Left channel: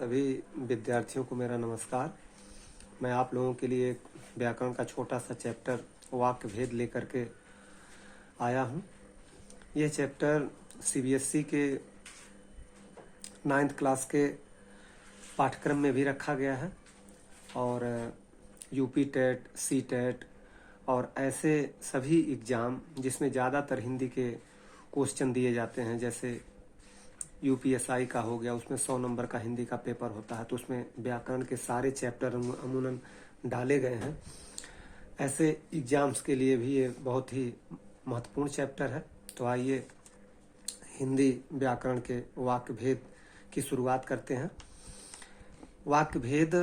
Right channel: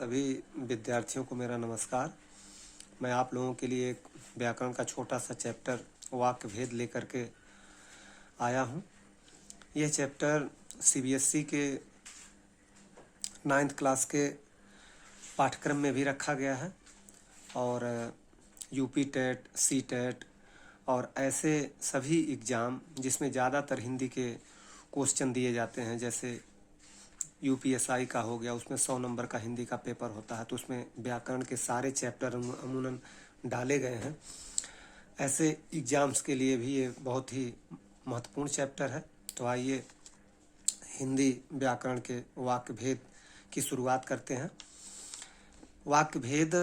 सभी विद्यार्थियों को मेरा नमस्कार। मैं आप लोगों के लिए एक व्याकरण का छोटा सा चैप्टर वाक्य भेद लेकर के आया हूँ। यह चैप्टर सीबीएसई के 9th क्लास के पाठ्यक्रम में भी रखा गया है और यूपी टेट, सी टेट और ऐसे सभी एग्ज़ाम जिसमें ज़्यादातर हिंदी के क्वेश्चन दिए जाते हैं, जैसे यूपीएसआई का हो गया, उसमें 100 नंबर का हिंदी का पेपर होता है, तो उसमें व्याकरण के सारे चैप्टर अमूमन डाले गए हैं। ऐसे एग्ज़ाम्स के लिए भी ये बहुत ही महत्वपूर्ण चैप्टर है। तो आइए हिंदी व्याकरण के वाक्य भेद की शुरुआत करते हैं। वाक्य भेद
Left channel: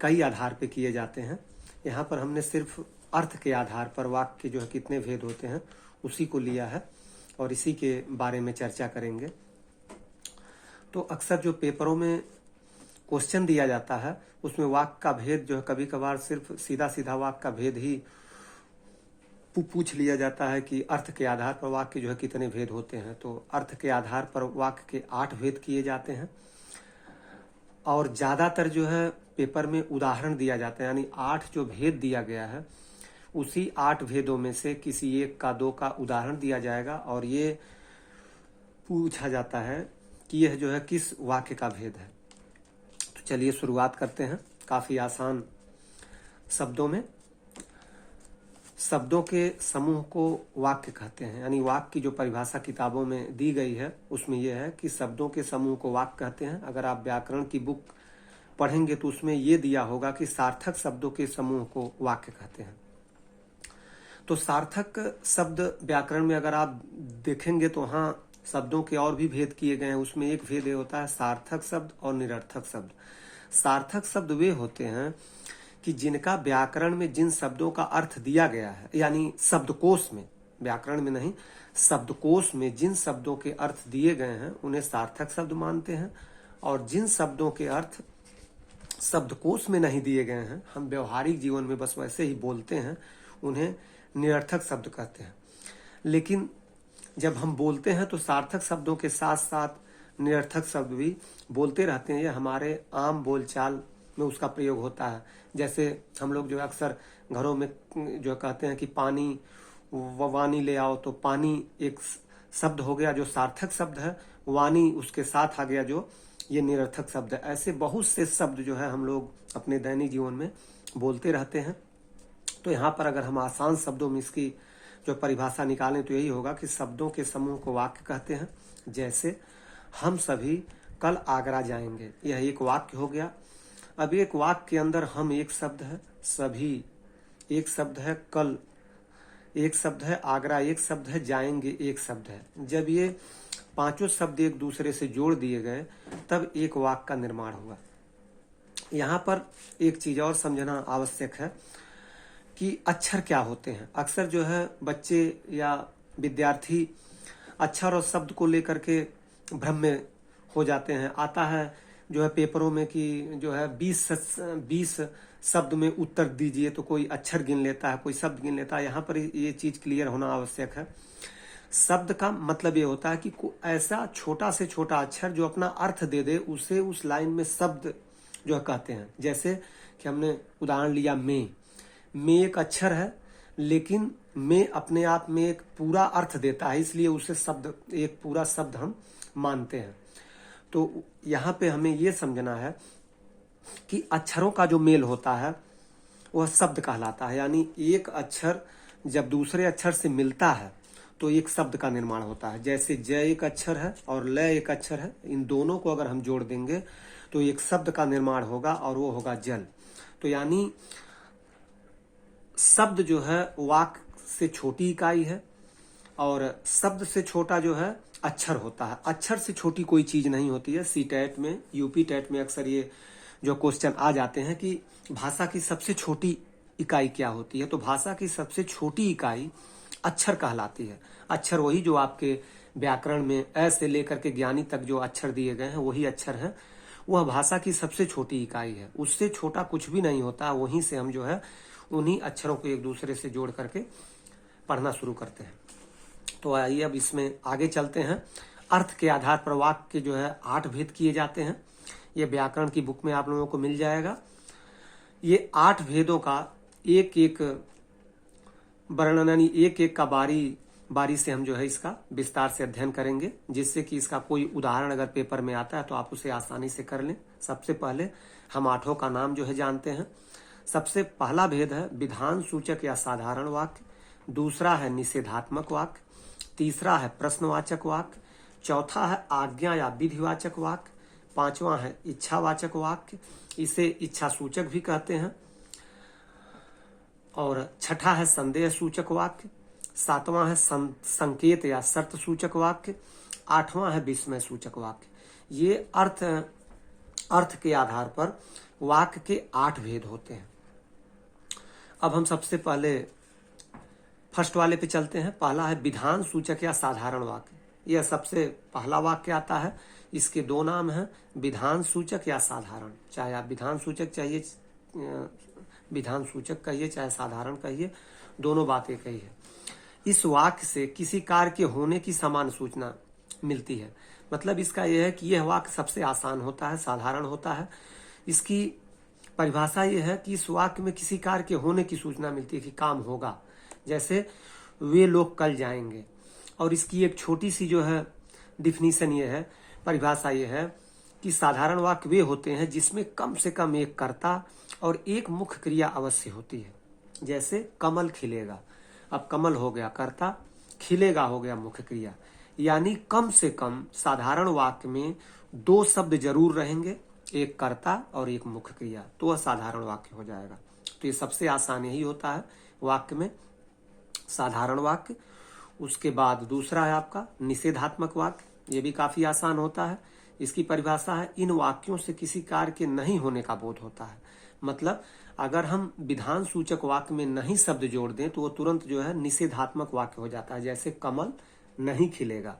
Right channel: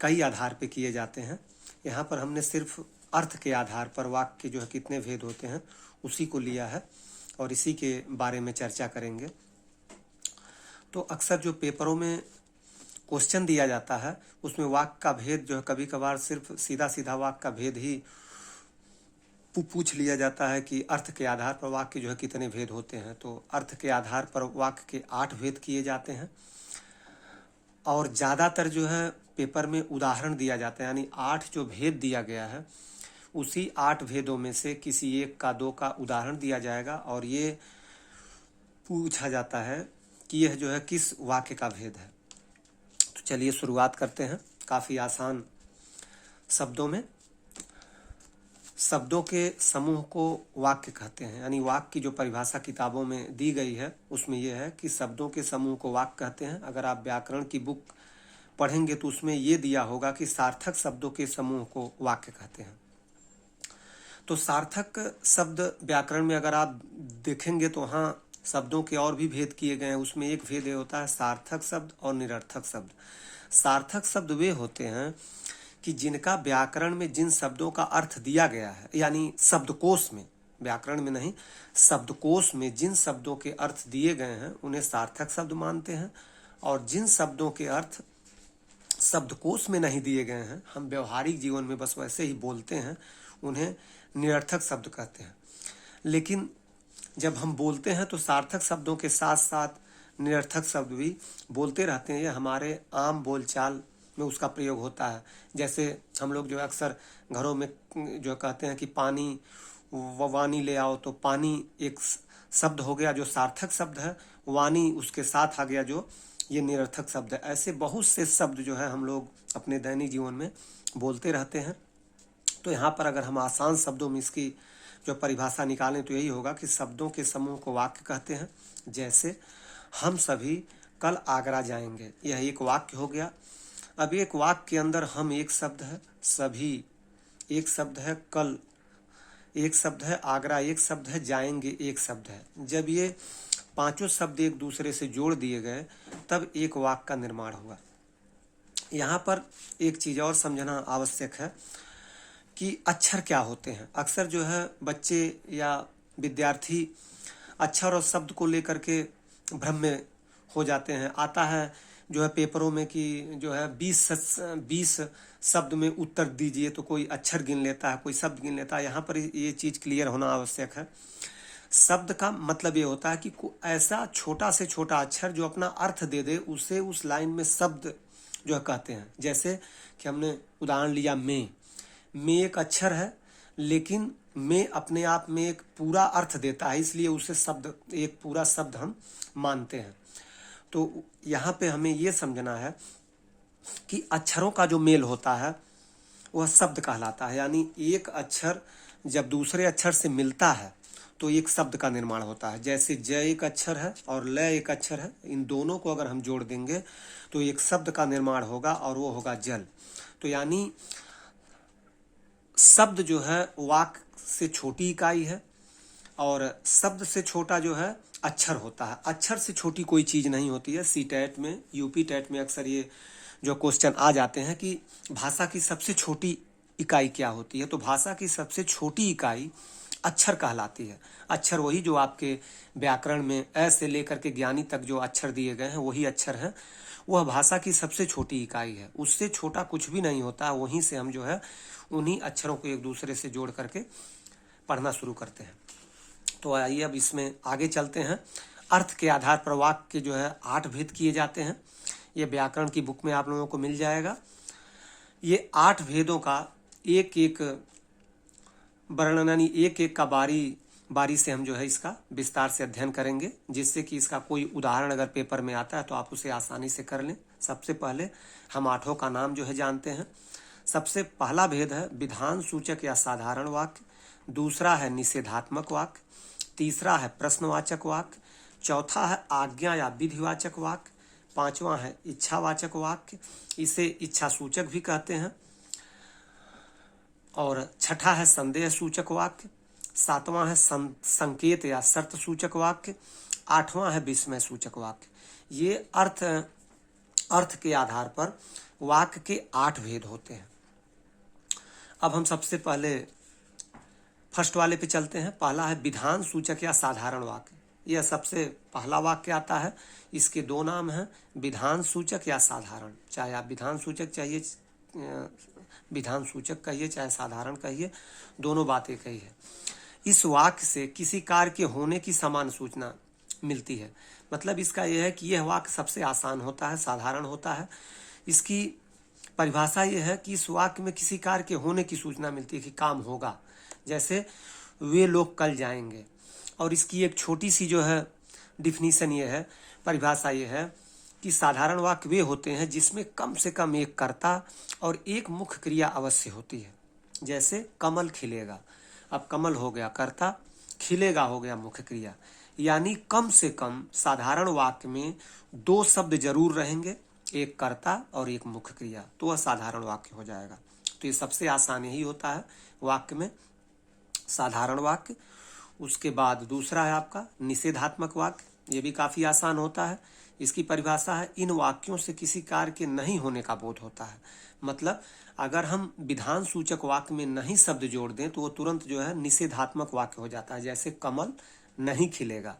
कई आधार पे किए जाते हैं। यहाँ पर हमने सिर्फ अर्थ के आधार पर वाक्य के जो है कितने भेद होते हैं उसी को लिया है और इसी के बारे में चर्चा करेंगे। तो अक्सर जो पेपरों में क्वेश्चन दिया जाता है उसमें वाक्य का भेद जो है कभी कभार सिर्फ सीधा सीधा वाक्य का भेद ही पूछ लिया जाता है कि अर्थ के आधार पर वाक्य जो है कितने भेद होते हैं। तो अर्थ के आधार पर वाक्य के 8 भेद किए जाते हैं और ज़्यादातर जो है पेपर में उदाहरण दिया जाता है, यानी 8 जो भेद दिया गया है उसी 8 भेदों में से किसी एक का 2 का उदाहरण दिया जाएगा और ये पूछा जाता है कि यह जो है किस वाक्य का भेद है। तो चलिए शुरुआत करते हैं काफ़ी आसान शब्दों में। शब्दों के समूह को वाक्य कहते हैं, यानी वाक्य की जो परिभाषा किताबों में दी गई है उसमें यह है कि शब्दों के समूह को वाक्य कहते हैं। अगर आप व्याकरण की बुक पढ़ेंगे तो उसमें यह दिया होगा कि सार्थक शब्दों के समूह को वाक्य कहते हैं। तो सार्थक शब्द व्याकरण में अगर आप देखेंगे तो हाँ, शब्दों के और भी भेद किए गए हैं। उसमें एक भेद ये होता है सार्थक शब्द और निरर्थक शब्द। सार्थक शब्द वे होते हैं कि जिनका व्याकरण में जिन शब्दों का अर्थ दिया गया है, यानी शब्दकोश में, व्याकरण में नहीं, शब्दकोश में जिन शब्दों के अर्थ दिए गए हैं उन्हें सार्थक शब्द मानते हैं और जिन शब्दों के अर्थ शब्दकोश में नहीं दिए गए हैं, हम व्यवहारिक जीवन में बस वैसे ही बोलते हैं, उन्हें निरर्थक शब्द कहते हैं। लेकिन जब हम बोलते हैं तो सार्थक शब्दों के साथ साथ निरर्थक शब्द भी बोलते रहते हैं। ये हमारे आम बोलचाल में उसका प्रयोग होता है। जैसे हम लोग जो अक्सर घरों में जो कहते हैं कि पानी वानी ले आओ, तो पानी एक शब्द हो गया जो सार्थक शब्द है, वानी उसके साथ आ गया जो ये निरर्थक शब्द है। ऐसे बहुत से शब्द जो है हम लोग अपने दैनिक जीवन में बोलते रहते हैं। तो यहाँ पर अगर हम आसान शब्दों में इसकी जो परिभाषा निकालें तो यही होगा कि शब्दों के समूह को वाक्य कहते हैं। जैसे हम सभी कल आगरा जाएंगे, यह एक वाक्य हो गया। अब एक वाक्य के अंदर हम एक शब्द है, सभी एक शब्द है, कल एक शब्द है, आगरा एक शब्द है, जाएंगे एक शब्द है। जब ये पांचों शब्द एक दूसरे से जोड़ दिए गए तब एक वाक्य का निर्माण हुआ। यहाँ पर एक चीज और समझना आवश्यक है कि अक्षर क्या होते हैं। अक्सर जो है बच्चे या विद्यार्थी अक्षर और शब्द को लेकर के भ्रम में हो जाते हैं। आता है जो है पेपरों में कि जो है 20 शब्द में उत्तर दीजिए, तो कोई अक्षर गिन लेता है, कोई शब्द गिन लेता है। यहाँ पर ये चीज़ क्लियर होना आवश्यक है। शब्द का मतलब ये होता है कि ऐसा छोटा से छोटा अक्षर जो अपना अर्थ दे दे, उसे उस लाइन में शब्द जो है कहते हैं। जैसे कि हमने उदाहरण लिया में एक अक्षर है, लेकिन में अपने आप में एक पूरा अर्थ देता है, इसलिए उसे शब्द, एक पूरा शब्द हम मानते हैं। तो यहाँ पे हमें ये समझना है कि अक्षरों का जो मेल होता है वह शब्द कहलाता है। यानी एक अक्षर जब दूसरे अक्षर से मिलता है तो एक शब्द का निर्माण होता है। जैसे ज एक अक्षर है और ल एक अक्षर है, इन दोनों को अगर हम जोड़ देंगे तो एक शब्द का निर्माण होगा और वो होगा जल। तो यानी शब्द जो है वाक्य से छोटी इकाई है और शब्द से छोटा जो है अक्षर होता है। अक्षर से छोटी कोई चीज नहीं होती है। सी टेट में, यूपी टेट में अक्सर ये जो क्वेश्चन आ जाते हैं कि भाषा की सबसे छोटी इकाई क्या होती है, तो भाषा की सबसे छोटी इकाई अक्षर कहलाती है। अक्षर वही जो आपके व्याकरण में अ से लेकर के ज्ञानी तक जो अक्षर दिए गए हैं वही अक्षर है। वह भाषा की सबसे छोटी इकाई है, उससे छोटा कुछ भी नहीं होता। वहीं से हम जो है उन्हीं अक्षरों को एक दूसरे से जोड़ करके पढ़ना शुरू करते हैं। तो आइए अब इसमें आगे चलते हैं। अर्थ के आधार पर वाक्य के जो है 8 भेद किए जाते हैं। ये व्याकरण की बुक में आप लोगों को मिल जाएगा। ये 8 भेदों का एक एक वर्णन यानी एक एक का बारी बारी से हम जो है इसका विस्तार से अध्ययन करेंगे, जिससे कि इसका कोई उदाहरण अगर पेपर में आता है तो आप उसे आसानी से कर लें। सबसे पहले हम 8 का नाम जो है जानते हैं। सबसे पहला भेद है विधान सूचक या साधारण वाक्य, दूसरा है निषेधात्मक वाक्य, तीसरा है प्रश्नवाचक वाक्य, चौथा है आज्ञा या विधिवाचक वाक्य, पांचवा है इच्छावाचक वाक्य, इसे इच्छा सूचक भी कहते हैं, और छठा है संदेह सूचक वाक्य, सातवां है संकेत या शर्त सूचक वाक्य, आठवां है विस्मय सूचक वाक्य। ये अर्थ के आधार पर वाक्य के 8 भेद होते हैं। अब हम सबसे पहले फर्स्ट वाले पे चलते हैं। पहला है विधान सूचक या साधारण वाक्य। यह सबसे पहला वाक्य आता है। इसके 2 नाम हैं, विधान सूचक या साधारण। चाहे आप विधान सूचक कहिए चाहे साधारण कहिए, दोनों बातें कही है। इस वाक्य से किसी कार्य के होने की समान सूचना मिलती है। मतलब इसका यह है कि यह वाक्य सबसे आसान होता है, साधारण होता है। इसकी परिभाषा यह है कि इस वाक्य में किसी कार्य के होने की सूचना मिलती है कि काम होगा। जैसे वे लोग कल जाएंगे। और इसकी एक छोटी सी जो है डिफिनीशन ये है, परिभाषा ये है कि साधारण वाक्य वे होते हैं जिसमें कम से कम एक कर्ता और एक मुख्य क्रिया अवश्य होती है। जैसे कमल खिलेगा, अब कमल हो गया कर्ता, खिलेगा हो गया मुख्य क्रिया। यानी कम से कम साधारण वाक्य में 2 शब्द जरूर रहेंगे, एक कर्ता और एक मुख्य क्रिया, तो वह साधारण वाक्य हो जाएगा। तो ये सबसे आसान यही होता है वाक्य में, साधारण वाक्य। उसके बाद दूसरा है आपका निषेधात्मक वाक्य। ये भी काफी आसान होता है। इसकी परिभाषा है इन वाक्यों से किसी कार्य के नहीं होने का बोध होता है। मतलब अगर हम विधान सूचक वाक्य में नहीं शब्द जोड़ दें तो वो तुरंत जो है निषेधात्मक वाक्य हो जाता है। जैसे कमल नहीं खिलेगा,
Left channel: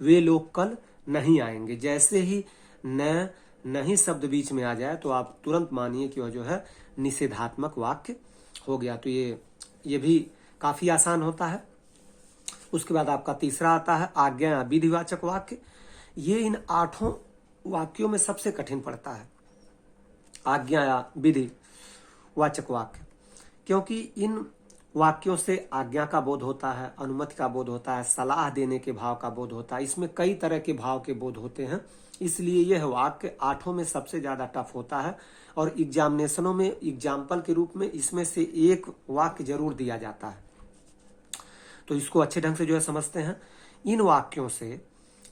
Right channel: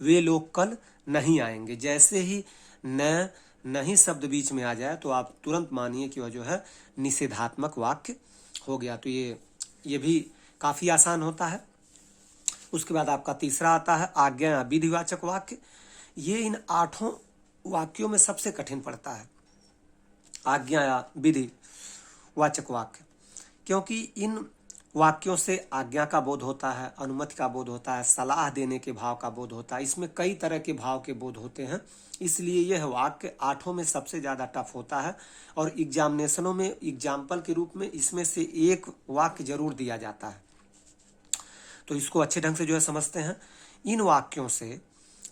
वे लोग कल नहीं आएंगे। जैसे ही न नहीं शब्द बीच में आ जाए तो आप तुरंत मानिए कि वह जो है निषेधात्मक वाक्य हो गया। तो ये भी काफी आसान होता है। उसके बाद आपका तीसरा आता है आज्ञा या विधिवाचक वाक्य। ये इन 8 वाक्यों में सबसे कठिन पड़ता है, आज्ञा या विधिवाचक वाक्य, क्योंकि इन वाक्यों से आज्ञा का बोध होता है, अनुमति का बोध होता है, सलाह देने के भाव का बोध होता है। इसमें कई तरह के भाव के बोध होते हैं। इसलिए यह वाक्य 8 में सबसे ज्यादा टफ होता है। और एग्जामिनेशनों में एग्जाम्पल के रूप में इसमें से एक वाक्य जरूर दिया जाता है। तो इसको अच्छे ढंग से जो है समझते हैं। इन वाक्यों से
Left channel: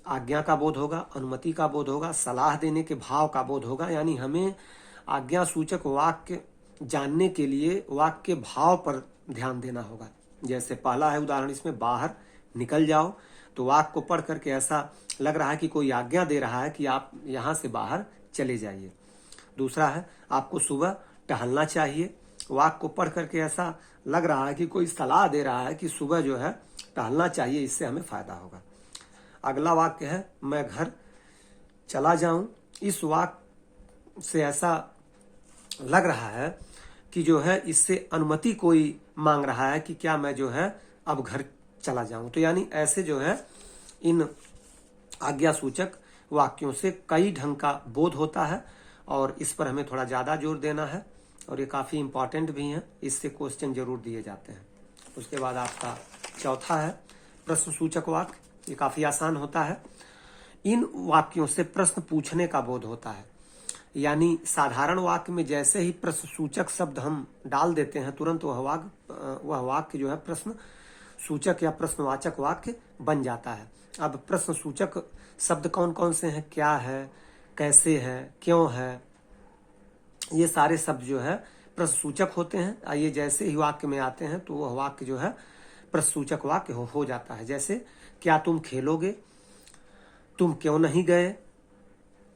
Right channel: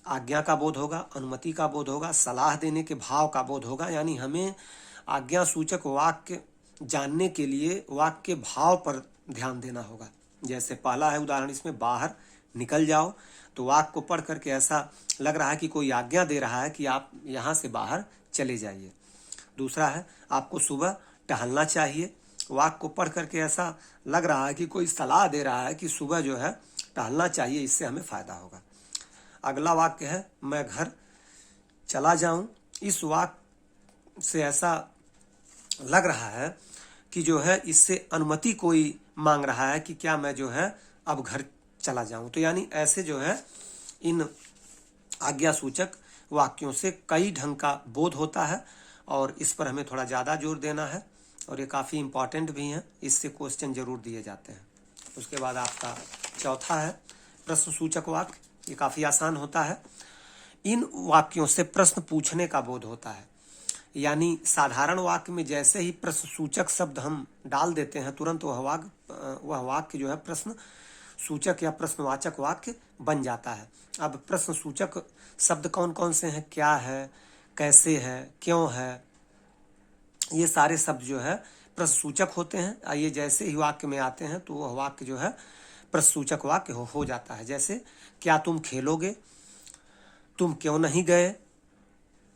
आज्ञा का बोध होगा, अनुमति का बोध होगा, सलाह देने के भाव का बोध होगा। यानी हमें आज्ञा सूचक वाक्य जानने के लिए वाक्य के भाव पर ध्यान देना होगा। जैसे पहला है उदाहरण इसमें, बाहर निकल जाओ, तो वाक्य को पढ़ करके ऐसा लग रहा है कि कोई आज्ञा दे रहा है कि आप यहाँ से बाहर चले जाइए। दूसरा है आपको सुबह टहलना चाहिए, वाक्य को पढ़ करके ऐसा लग रहा है कि कोई सलाह दे रहा है कि सुबह जो है टहलना चाहिए, इससे हमें फायदा होगा। अगला वाक्य है मैं घर चला जाऊं। इस वाक्य से ऐसा लग रहा है कि जो है इससे अनुमति कोई मांग रहा है कि क्या मैं जो है अब घर चला जाऊं। तो यानी ऐसे जो है इन आज्ञा सूचक वाक्यों से कई ढंग का बोध होता है और इस पर हमें थोड़ा ज्यादा जोर देना है और ये काफी इंपॉर्टेंट भी है, इससे क्वेश्चन जरूर दिए जाते हैं। उसके बाद आपका चौथा है प्रश्न सूचक वाक्य। ये काफी आसान होता है। इन वाक्यों से प्रश्न पूछने का बोध होता है। यानी साधारण वाक्य में जैसे ही प्रश्न सूचक शब्द हम डाल देते हैं तुरंत वह वाक्य जो है प्रश्न सूचक या प्रश्नवाचक वाक्य बन जाता है। अब प्रश्न सूचक शब्द कौन कौन से हैं, क्या है, कैसे है, क्यों है, ये सारे शब्द जो है प्रश्न सूचक होते हैं। ये जैसे ही वाक्य में आते हैं तो वह वाक्य जो है प्रश्न सूचक वाक्य हो जाता है। जैसे क्या तुम खेलोगे, तुम क्यों नहीं गए,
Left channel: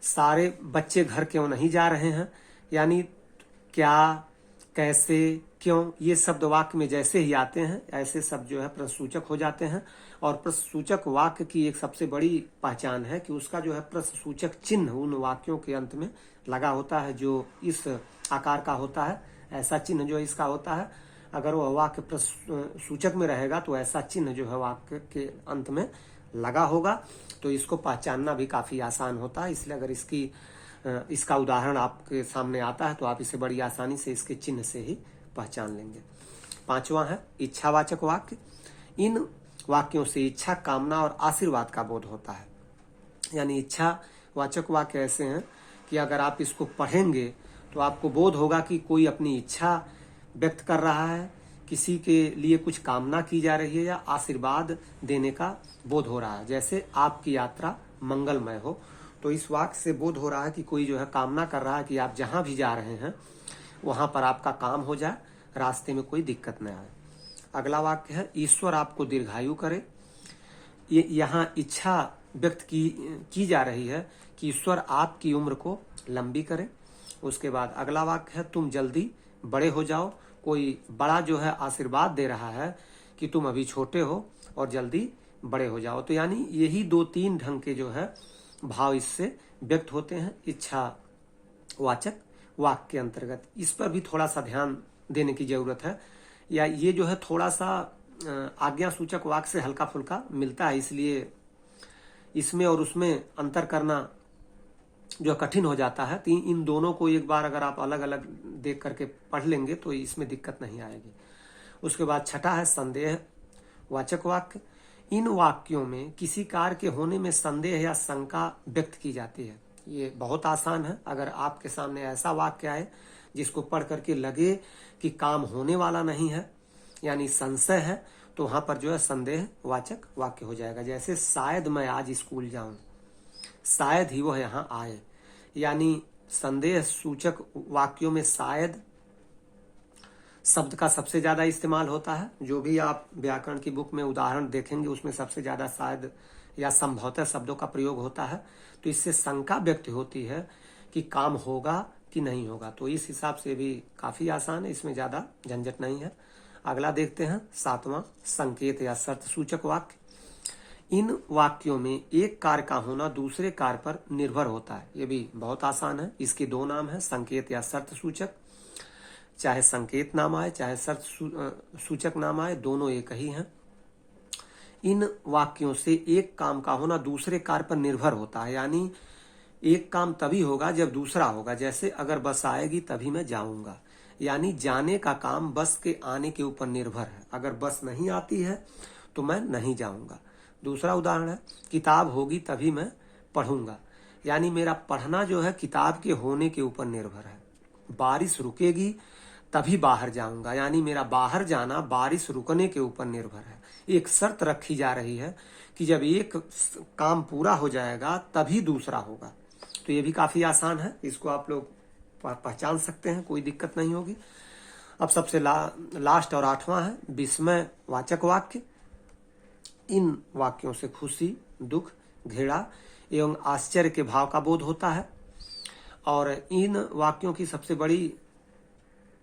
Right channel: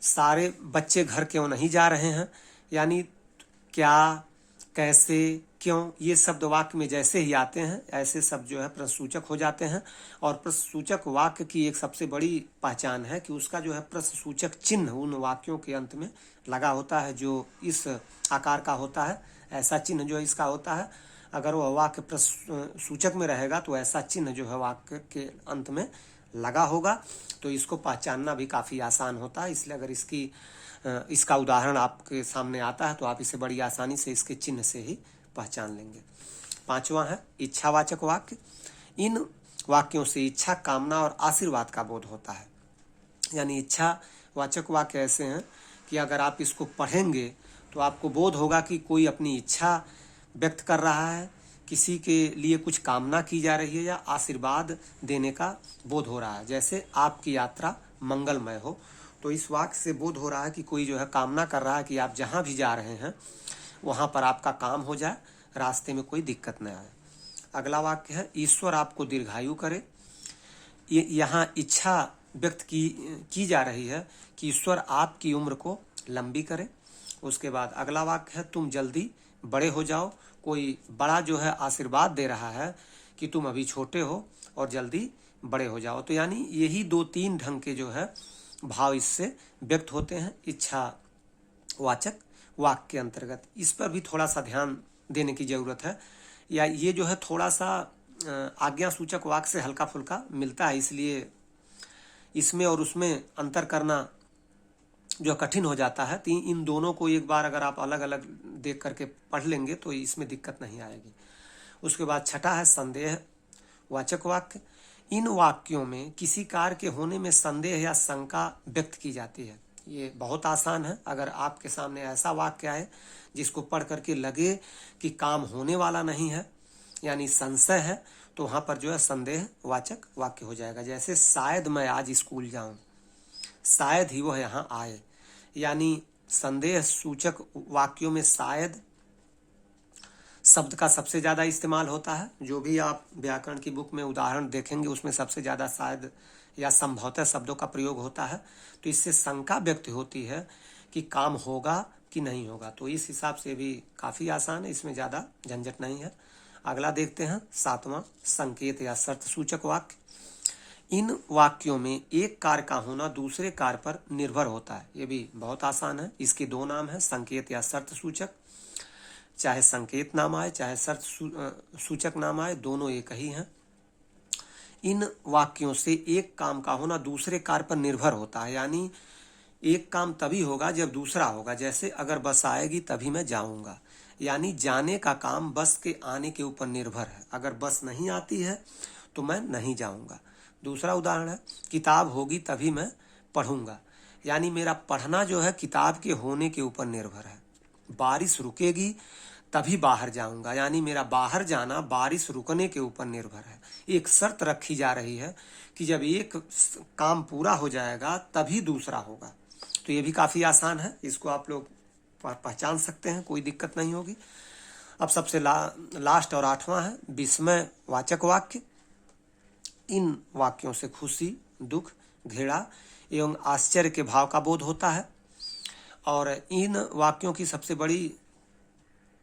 सारे बच्चे घर क्यों नहीं जा रहे हैं। यानी क्या, कैसे, क्यों, ये शब्द वाक्य में जैसे ही आते हैं ऐसे शब्द जो है प्रश्नसूचक हो जाते हैं। और प्रश्नसूचक वाक्य की एक सबसे बड़ी पहचान है कि उसका जो है प्रश्नसूचक चिन्ह उन वाक्यों के अंत में लगा होता है, जो इस आकार का होता है। ऐसा चिन्ह जो इसका होता है, अगर वह वाक्य प्रश्नसूचक में रहेगा तो ऐसा चिन्ह जो है वाक्य के अंत में लगा होगा। तो इसको पहचानना भी काफी आसान होता है। इसलिए अगर इसकी इसका उदाहरण आपके सामने आता है तो आप इसे बड़ी आसानी से इसके चिन्ह से ही पहचान लेंगे। 5वां है इच्छावाचक वाक्य। इन वाक्यों से इच्छा, कामना और आशीर्वाद का बोध होता है। यानी इच्छावाचक वाक्य ऐसे हैं कि अगर आप इसको पढ़ेंगे तो आपको बोध होगा कि कोई अपनी इच्छा व्यक्त कर रहा है, किसी के लिए कुछ कामना की जा रही है या आशीर्वाद देने का बोध हो रहा है। जैसे आपकी यात्रा मंगलमय हो, तो इस वाक्य से बोध हो रहा है कि कोई जो है कामना कर रहा है कि आप जहाँ भी जा रहे हैं वहाँ पर आपका काम हो जाए, रास्ते में कोई दिक्कत न आए। अगला वाक्य है ईश्वर आपको दीर्घायु करे। ये यहाँ इच्छा व्यक्त की जा रही है कि ईश्वर आपकी उम्र को लंबी करे। उसके बाद अगला वाक्य है तुम जल्दी बड़े हो जाओ। कोई बड़ा जो है आशीर्वाद दे रहा है कि तुम अभी छोटे हो और जल्दी बड़े हो जाओ। तो यानी यही 2-3 ढंग के जो है भाव इससे व्यक्त होते हैं इच्छावाचक वाक्य के अंतर्गत। इस पर भी थोड़ा सा ध्यान देने की जरूरत है, या ये जो है थोड़ा सा आज्ञा सूचक वाक्य से हल्का फुल्का मिलता है, इसलिए इसमें और उसमें अंतर करना जो कठिन हो जाता है। तो इन दोनों को एक बार अगर आप अलग अलग देख करके पढ़ लेंगे तो इसमें दिक्कत नहीं आएगी। उसके बाद 6 है संदेह वाचक वाक्य। इन वाक्यों में किसी कार्य के होने में संदेह या शंका व्यक्त की जाती है। ये बहुत आसान है। अगर आपके सामने ऐसा वाक्य आए जिसको पढ़ करके लगे कि काम होने वाला नहीं है, यानी संशय है, तो वहां पर जो है संदेह वाचक वाक्य हो जाएगा। जैसे शायद मैं आज स्कूल जाऊं, शायद ही वह यहाँ आए। यानी संदेह सूचक वाक्यों में शायद शब्द का सबसे ज्यादा इस्तेमाल होता है। जो भी आप व्याकरण की बुक में उदाहरण देखेंगे उसमें सबसे ज्यादा शायद या संभवतः शब्दों का प्रयोग होता है। तो इससे शंका व्यक्त होती है कि काम होगा कि नहीं होगा। तो इस हिसाब से भी काफी आसान है, इसमें ज्यादा झंझट नहीं है। अगला देखते हैं 7वां संकेत या शर्त सूचक वाक्य। इन वाक्यों में एक कार्य का होना दूसरे कार्य पर निर्भर होता है। ये भी बहुत आसान है। इसके 2 नाम है, संकेत या शर्त सूचक। चाहे संकेत नाम आए चाहे शर्त सूचक नाम आए, दोनों एक ही हैं। इन वाक्यों से एक काम का होना दूसरे कार्य पर निर्भर होता है। यानी एक काम तभी होगा जब दूसरा होगा। जैसे अगर बस आएगी तभी मैं जाऊंगा, यानी जाने का काम बस के आने के ऊपर निर्भर है। अगर बस नहीं आती है तो मैं नहीं जाऊंगा। दूसरा उदाहरण है किताब होगी तभी मैं पढ़ूंगा, यानी मेरा पढ़ना जो है किताब के होने के ऊपर निर्भर है। बारिश रुकेगी तभी बाहर जाऊंगा, यानी मेरा बाहर जाना बारिश रुकने के ऊपर निर्भर है। एक शर्त रखी जा रही है कि जब एक काम पूरा हो जाएगा तभी दूसरा होगा। तो ये भी काफी आसान है, इसको आप लोग पहचान सकते हैं, कोई दिक्कत नहीं होगी। अब सबसे लास्ट और 8वां है विस्मय वाचक वाक्य। इन वाक्यों से खुशी, दुख, घृणा एवं आश्चर्य के भाव का बोध होता है। और इन वाक्यों की सबसे बड़ी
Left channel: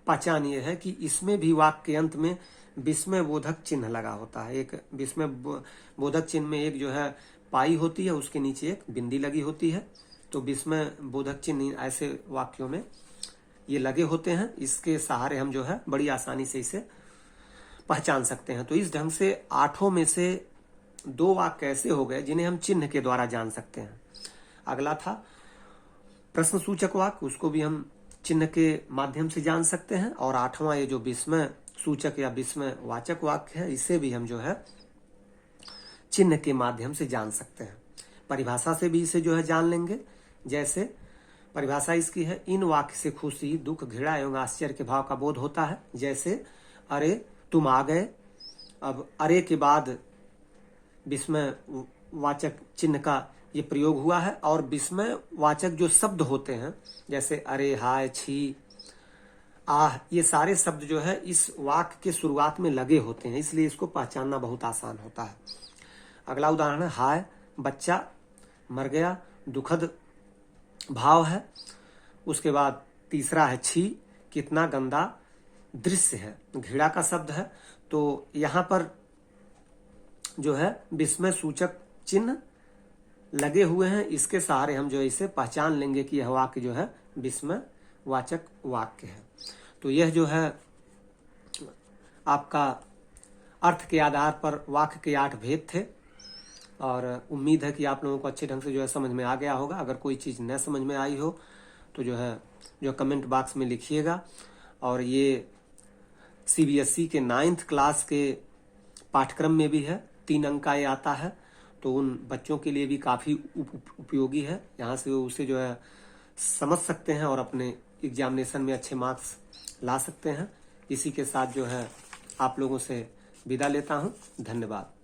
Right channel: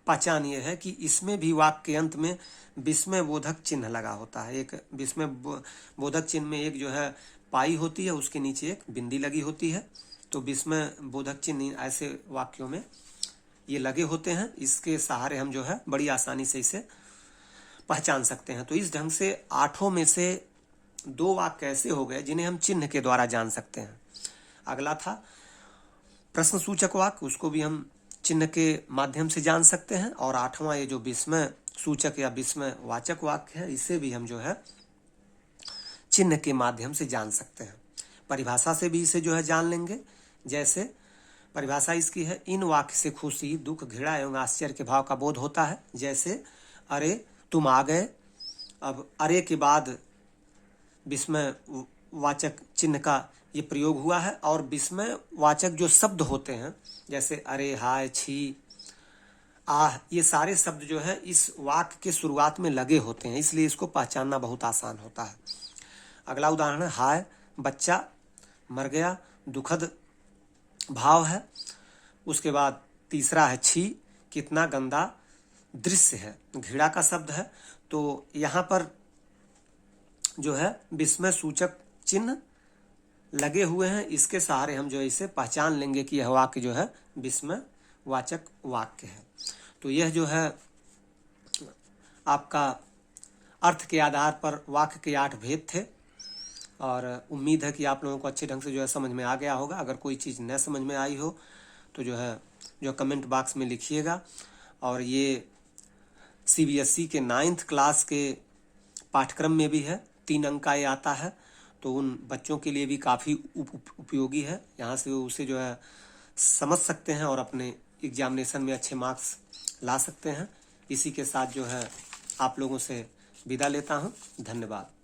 पहचान ये है कि इसमें भी वाक्य के अंत में विस्मय बोधक चिन्ह लगा होता है। एक विस्मय बोधक चिन्ह में एक जो है पाई होती है, उसके नीचे एक बिंदी लगी होती है। तो विस्मय बोधक चिन्ह ऐसे वाक्यों में ये लगे होते हैं। इसके सहारे हम जो है बड़ी आसानी से इसे पहचान सकते हैं। तो इस ढंग से 8 में से 2 वाक्य ऐसे हो गए जिन्हें हम चिन्ह के द्वारा जान सकते हैं। अगला था प्रश्न सूचक वाक्य, उसको भी हम चिन्ह के माध्यम से जान सकते हैं। और 8वां ये जो विस्मय सूचक या विस्मय वाचक वाक्य है, इसे भी हम जो है चिन्ह के माध्यम से जान सकते हैं। परिभाषा से भी इसे जो है जान लेंगे। जैसे परिभाषा इसकी है इन वाक्य से खुशी, दुख, घृणा एवं आश्चर्य के भाव का बोध होता है। जैसे अरे तुम आ गए। अब अरे के बाद विस्मय वाचक चिन्ह का ये प्रयोग हुआ है। और विस्मय वाचक जो शब्द होते हैं जैसे अरे, हाय, छी, आह, ये सारे शब्द जो है इस वाक्य के शुरुआत में लगे होते हैं, इसलिए इसको पहचानना बहुत आसान होता है। अगला उदाहरण है हाय, बच्चा मर गया, दुखद भाव है। उसके बाद तीसरा है छी, कितना गंदा दृश्य है, घृणा का शब्द है। तो यहाँ पर जो है विस्मय सूचक चिन्ह लगे हुए हैं, इसके सहारे हम जो है इसे पहचान लेंगे कि यह वाक्य जो है विस्मय वाचक वाक्य है। तो यह जो है आपका अर्थ के आधार पर वाक्य के 8 भेद थे। और उम्मीद है कि आप लोगों को अच्छे ढंग से जो है समझ में आ गया होगा। अगर कोई चीज़ न समझ में आई हो तो जो कमेंट बॉक्स में लिखिएगा। और ये CBSE के 9th क्लास के पाठ्यक्रम में भी है, 3 अंक का ये आता है, तो उन बच्चों के लिए भी काफ़ी उपयोगी है। यहाँ से उसे समझ सकते हैं और अपने एग्जामिनेशन में अच्छे मार्क्स ला सकते हैं। इसी के साथ आप लोगों से विदा लेता हूँ। धन्यवाद।